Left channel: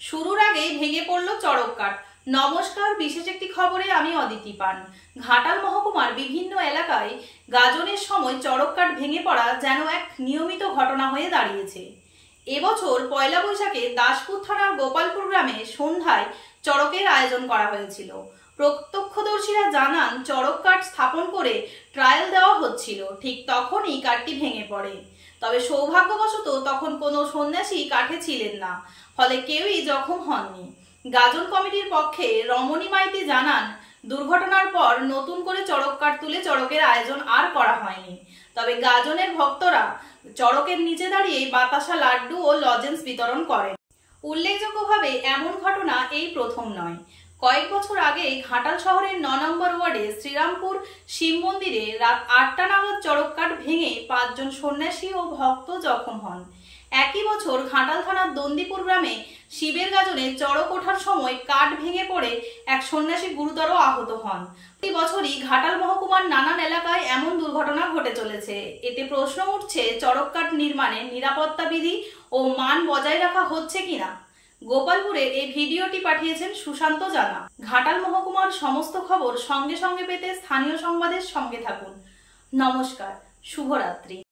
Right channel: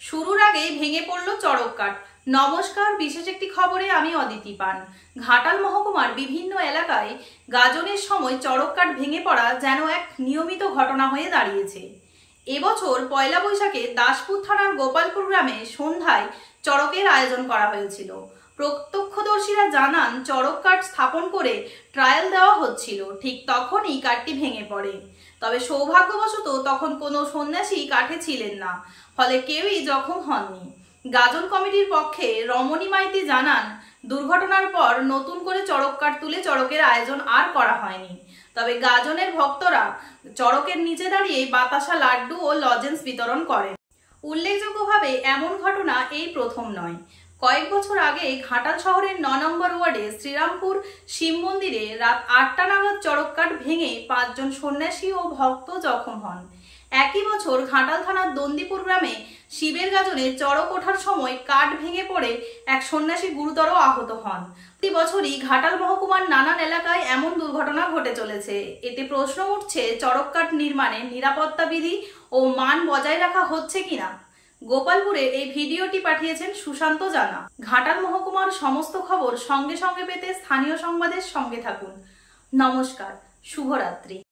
শুরুর আগেই ভেঙে পড়ল চড়ক কাঠ। নমস্কার, বিশেষ একটি খবরে আমি অদিতি পান। ঘাটাল মহকুমার বিভিন্ন এলাকায় গাজনের সময় চড়ক কাঠ ভেঙে পড়া যেন এক নিয়মিত ঘটনা হয়ে দাঁড়িয়েছে। এবছর পয়লা বৈশাখে দাসপুর থানার গোপালপুর গ্রামে সন্ধ্যায় চড়কের আয়োজন করা হয়েছিল। প্রত্যক্ষদর্শীরা জানান, চড়ক কাঠ স্থাপন করে ট্রায়াল দেওয়া হচ্ছিল, ঠিক তখনই কাঠটি ভেঙে পড়ে। তবে সৌভাগ্যবশত তখন কোনো সন্ন্যাসী কাঠে ছিলেন না, ফলে কেউই জখম হননি। গাজন কমিটির পক্ষে রমণী মাইতি জানান, দুর্ঘটনার পর নতুন করে চড়ক কাঠ তুলে চড়কের আয়োজন আর করা হয়নি। তবে গাজনের ভক্তরা চড়কের নিচে দাঁড়িয়ে বাতাসা, লাড্ডু ও লজেন্স বিতরণ করেন। উল্লেখযোগ্যভাবে এমন ঘটনা এই প্রথম নয়। কয়েক বছর আগে ঘাটাল শহরের ৯ নম্বর ওয়ার্ডে শ্রীরামপুর শিব মন্দিরে রাত ৮টা নাগাদ চড়ক কাঠ ভেঙে ৫ জন সন্ন্যাসী ও ভক্ত জখম হন। একই বছর ঘাটাল থানার দন্দিপুর গ্রামে শিবের গাজনে চড়ক ওঠার সময় কাঠ ভেঙে পড়ে এক সন্ন্যাসী গুরুতর আহত হন। প্রতি বছরই ঘাটাল মহকুমার নানান এলাকায় এমন দুর্ঘটনা ঘটে চলেছে। এতে প্রশ্ন উঠছে, চড়ক কাঠ নির্মাণে নিরাপত্তা বিধি ও মান বজায় রাখা হচ্ছে কিনা। গোপালপুরে এই ভিডিওটি পাঠিয়েছেন সুশান্ত জানা। ঘাটাল মহকুমার সমস্ত খবর সঙ্গে সঙ্গে পেতে স্থানীয় সংবাদের সঙ্গে থাকুন। নমস্কার, শুভরাত্রি।